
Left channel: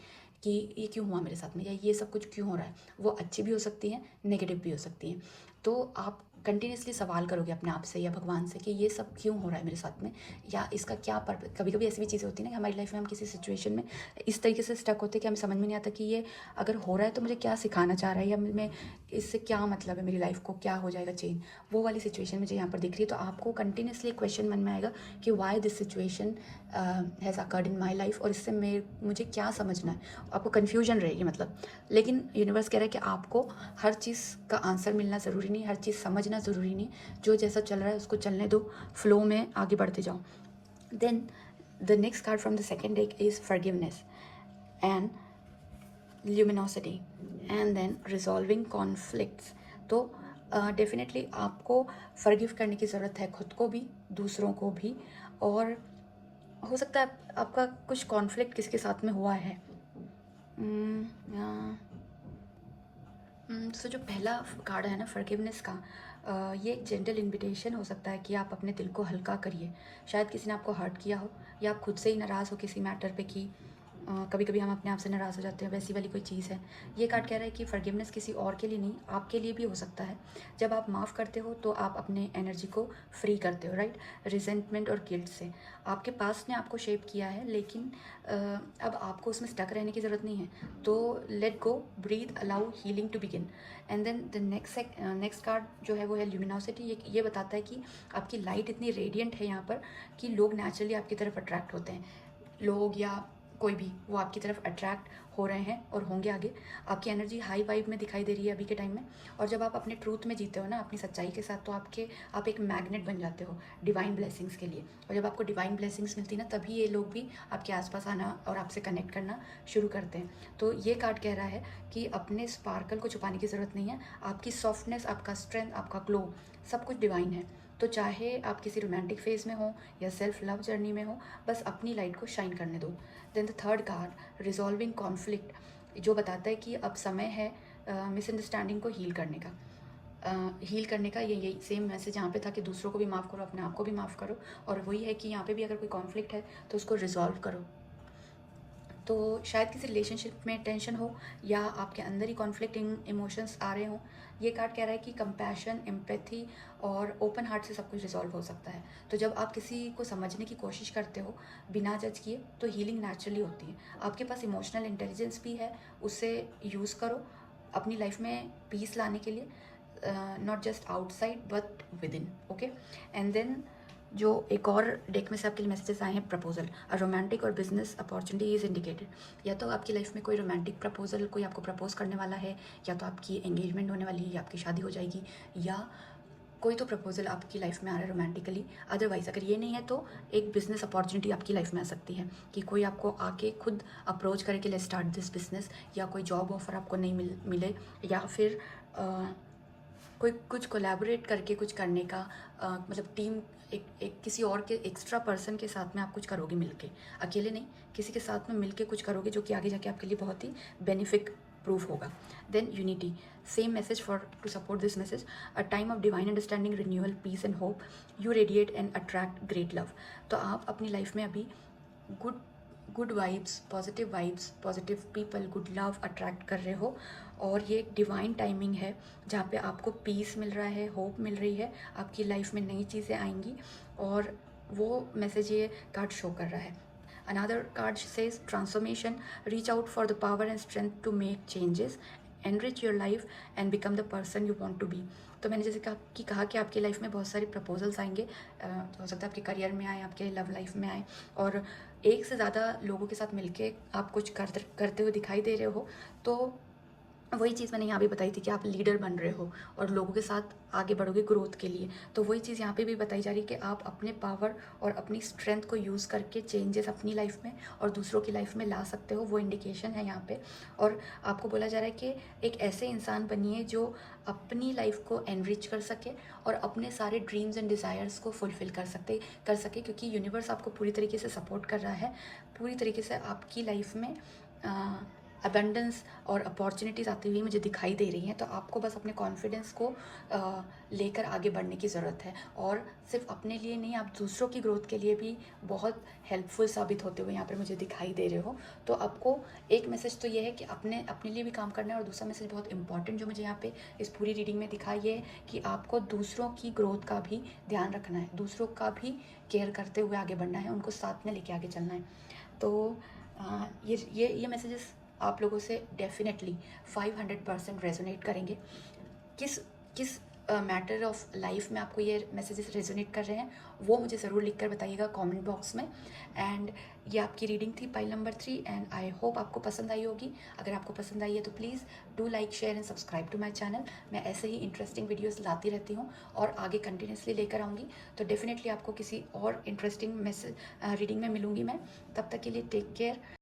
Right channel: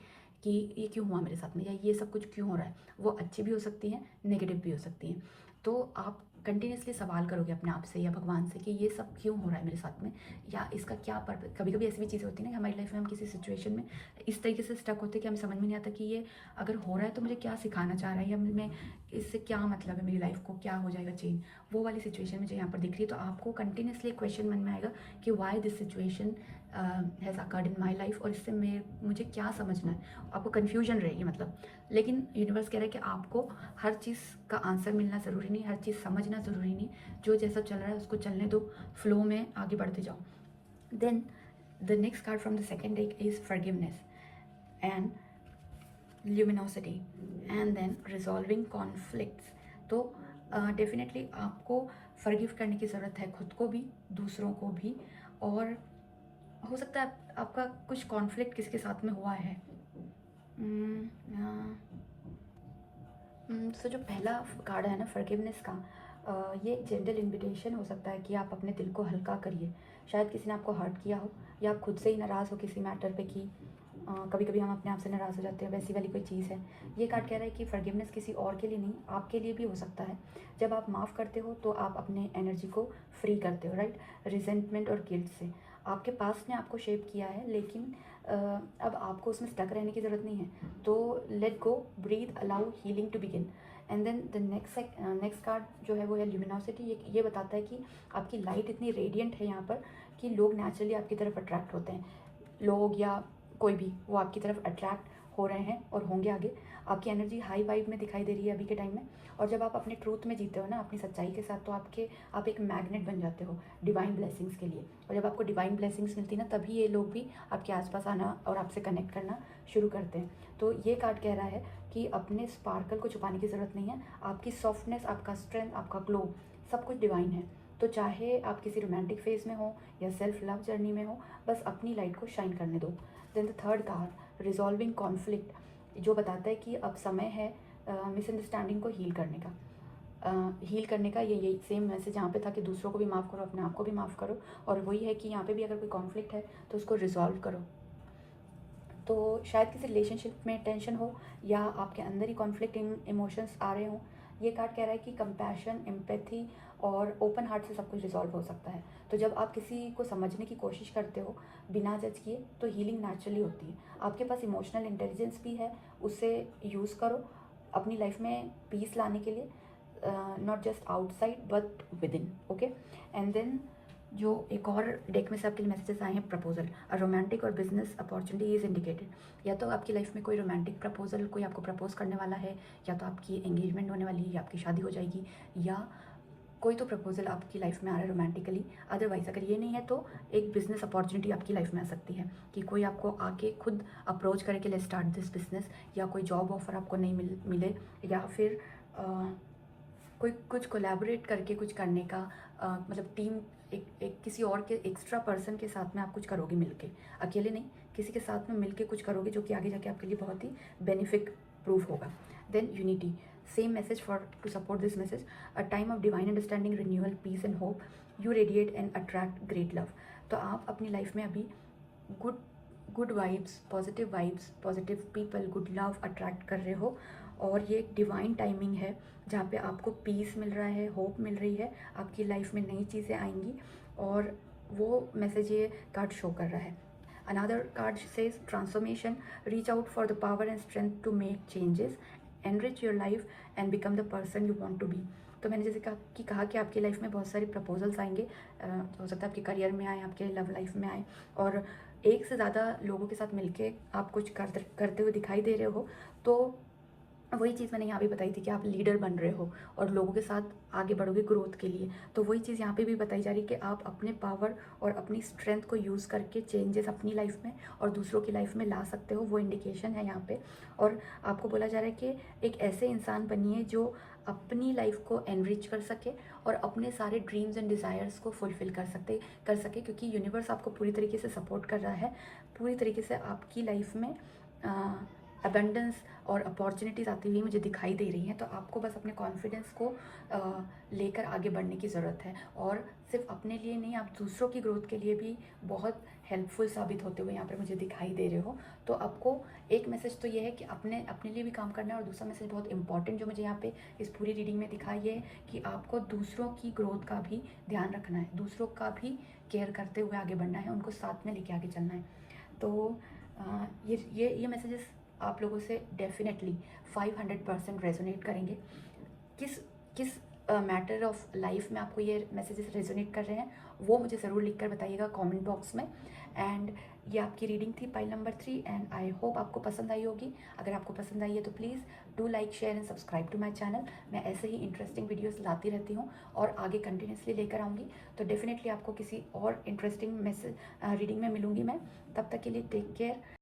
कि ये क्यों हुआ मेरे साथ में, या ये सब कुछ क्यों हो रहा है। वो अच्छी भी हो सकती हैं, नेगेटिव भी हो सकती हैं। तो आप कंटिन्यूसली सवाल करोगे अपने आप से या भगवान से कि ये सब क्यों हो रहा है मेरे साथ में, या इसका क्या पर्पस। कभी कभी ऐसी भी चीज़ें होती हैं ना हमारी लाइफ में, हम किसी सिचुएशन में इस तरीके से स्टक होते हैं कि हमें समझ में नहीं आता कि ये अगर हो रहा है तो मुझे क्या सिखाना चाह रहा है, या मैं इससे क्या मतलब है, मेरी लाइफ को क्या हो जाएगा चेंज। वो वाली सिचुएशन मुझे यहाँ पर दिख रही है। तो आपको कंटिन्यूसली क्वेश्चन मन में आएगा कि why this situation has occurred in my life, और इससे मुझे क्या समझना है। आपको कन्फ्यूजन रहेगी मतलब। लेकिन यूनिवर्स कह रहा है कि आपको हर चीज़ का आंसर मिलना ज़रूरी नहीं, हर चीज़ समझना ज़रूरी नहीं। जो जैसा चल रहा है उसको चलने दो, फ्लो में आगे बढ़ते जाओ। Then the next card from the second deck is forgiveness and luminosity and then resolving conflicts. तो डेफिनेटली आपको फॉरगिव करने की ज़रूरत है, खुद को भी, दूसरों को भी। और हो सकता है आपका कुछ कॉन्फ्लिक्ट किसके साथ में हुआ है। सो जो पहला कार्ड है ना फॉरगिवनेस का, ये एक जेंटल इनविटेशन हो सकता है कि आप अपने दिल को हल्का करिए। शायद किसी ने आपको हर्ट किया हो, या आप खुद से ही नाराज़ हो किसी मैटर पे कि कभी कभी हम अपने आप से नाराज़ हो जाते हैं, वैसी वाली कोई चीज़ है। ये कार्ड कह रहा है कि फॉरगिवनेस किसी और के लिए नहीं, आपके लिए भी हो सकता है। जब आप माफ़ करते हो तो आप अपने एनर्जी को फ्री करते हो, राइट, रिजेंटमेंट और गिल्ट से। आपके पास ने आपको शेप किया है, लेकिन अब आपको उसमें स्टक रहने की ज़रूरत नहीं है। तो let go, breathe, allow healing to begin. And then the next card जो है वो है ल्यूमिनोसिटी। ये बताता है कि आपकी लाइट इतनी रेडिएंट है यहाँ पर कि लोग नेचुरली आपकी तरफ अट्रैक्ट होते हैं। लोग या कोई भी वो आपकी तरफ अट्रैक्ट हो रहे हैं और होंगे आगे। आपकी एनर्जी हाई वाइब में दिखाई दे रही है अभी के टाइम में। और जब आप अपने ट्रूथ में जीते हो ना, अपनी सच्चाई के साथ, तो आप एक मैग्नेट बन जाते हो डिवाइन ब्लेसिंग्स के लिए। और जब आपको डिवाइन ब्लेसिंग्स मिलती है ना, तभी ये लोग भी आपके आसपास आना और आपसे कनेक्ट करना शुरू करते हैं। तो ये कार्ड कह रहा है कि अपने स्पार्कल को छुपाने की ज़रूरत नहीं है। आपकी सॉफ्टनेस, आपका स्ट्रेंथ, आपका ग्लो, सब कुछ डिवाइन है। तो चाहे आप किसी रोमांटिक फेज में हो या सेल्फ लव जर्नी में हो, बस अपनी लाइट को शाइन करने दो। Then the third card resolving conflict, जो बताता है कि अब समय है मिसअंडरस्टैंडिंग को हील करने का। हील करने का ये यही सेम मैसेज यहाँ पे था कि दूसरों को भी माफ़ करो, अपने आप को भी माफ़ करो। और वही है कि यहाँ पे भी अगर कोई कॉन्फ्लिक्ट है तो उसको रिजॉल्व करो। तो शायद किसी रिलेशनशिप में टेंशन हो, या आपके अंदर ही कॉन्फ्लिक्टिंग इमोशंस आ रहे हों। ये कार्ड कह रहा है कि कंपैशन, एम्पैथी और ओपन हार्ट से सब कुछ रिजॉल्व हो सकता है। तो जब आप किसी को समझने की कोशिश करते हो बिना जज किए, तो हीलिंग नेचुरली होती है। आपके पास इमोशनल इंटेलिजेंस भी है, उसे यूज़ करो अपनी लाइफ में पीस लाने के लिए, not just outside but within. Okay, and then जो एक और डेक में से आपके लिए मैसेजेस आए हैं, प्रपोजल, और रोमांटिक और बिजनेस अपॉर्चुनिटी इज इंडिकेटेड। या तो आपकी लाइफ में कोई रोमांटिक प्रपोजल, कोई आपको प्रपोज करने वाला है, या तो आपकी एंगेजमेंट होने वाली है, या आपकी शादी हो जाएगी, या कोई तो प्रपोजल आपकी लाइफ में आ रहा है रोमांटिकली। अदरवाइज अगर ये नहीं है तो एक बिजनेस अपॉर्चुनिटी आपकी लाइफ में आ सकती है कि कोई आपको आके खुद अप्रोच करे कि लेट्स स्टार्ट दिस बिजनेस, या कोई जॉब ऑफर आपको नहीं मिले, या फिर कोई कुछ कोलैबोरेट करके कुछ करने का, मतलब टीम, एक किसी और के एक्स्ट्रा पर्सन के साथ में आप कुछ करोगे मिलके, अकेले नहीं, किसी के साथ में मिलके कुछ करोगे जो कि आगे जाके आपके लिए बहुत ही बेनिफिट प्रूफ होगा। Then unity, same message for to support this message, a time of divine understanding, renewal, peace and hope, you radiate and attract great love. तो आप अपनी लाइफ में अभी good vibes, positive people, good love attract कर रहे हो। और ये डिवाइन टाइमिंग है जहाँ पे आपको पीस मिल रहा है, होप मिल रही है, आपकी लाइफ में नई चीज़ें आएंगी। और वो मैसेज ये कार्ड शो कर रहा है। Another card says transformation, reach out for the power and strength to make changes, enrich your life and become the person you want to be. तो मैंने जैसे कहा कि आपकी लाइफ में बहुत सारे प्रपोजल्स आएंगे, हो सकता है आपके करियर में आए, आपके लव लाइफ में आए, और एक से ज़्यादा लोगों के साथ मिलके आप कुछ करते हुए दिखाई दे रहे हो। तो वही चीज़ मैंने यहाँ भी बताई थी कि आप लीडर बन रहे हो और लोगों के साथ आगे बढ़ोगे ग्रोथ के लिए। तो वही चीज़ यहाँ पे भी बताई जा रही है कि आप अपने पावर और अपनी स्ट्रेंथ को यूज़ करके चेंजेस अपनी लाइफ में और दूसरों की लाइफ में ला सकते हो, वो इंडिकेशन है यहाँ पे। और आपको बोला जा रहा है कि एक ऐसे इंसान बनिए जो अपनी लाइफ को एनरिच कर सके और अपने सारे ड्रीम्स एंड डिज़ायर्स को फुलफ़िल कर सके, क्योंकि यूनिवर्स आपको पूरी तरीके से सपोर्ट कर रहा है। पूरी तरीके से आपकी लाइफ में अबंडेंस और अपॉर्चुनिटीज़ आती हुई मुझे दिखाई दे रही हैं। तो आपको बस अपने कॉन्फिडेंस को लेकर आगे बढ़ने की ज़रूरत है, और सिर्फ अपने लिए नहीं, आप दूसरों की ग्रोथ के लिए भी बहुत हेल्पफुल साबित होते हुए यहाँ पर मुझे दिखाई दे रहे हो। तो आपको एक मैसेज तो ये है कि अपने लिए भी काम करना है, और दूसरा मैसेज बहुत इंपॉर्टेंट जो मुझे यहाँ पे इस पूरी रीडिंग में दिखा, ये है कि आपको दूसरों की ग्रोथ का भी ध्यान रखना है, दूसरों का भी केयर करते हुए आगे बढ़ना है, उनको साथ में लेके आगे चलना है। तो ये मैसेजेस आप लोगों से डेफिनेटली 500% रेजोनेट करेंगे। किस किस मैटर ऑफ लाइफ में आपको ये मैसेजेस रेजोनेट कर रहे हैं, वो मुझे ज़रूर लिख कर बताइएगा कमेंट बॉक्स में। एंड ये आपकी रीडिंग थी pile number 3, and I hope आपको पसंद आई होगी। अगर आपको पसंद आई है तो please do like, share and subscribe to my channel. मैं ऐसे ही इंटरेस्टिंग वीडियोज़ लाती रहती हूँ और आगे कंटिन्यूसली लेकर आऊँगी। तो डेफिनेटली आपको किसी और इंटरेस्टिंग रीडिंग में मिलूँगी मैं। तब तक के लिए टेक केयर।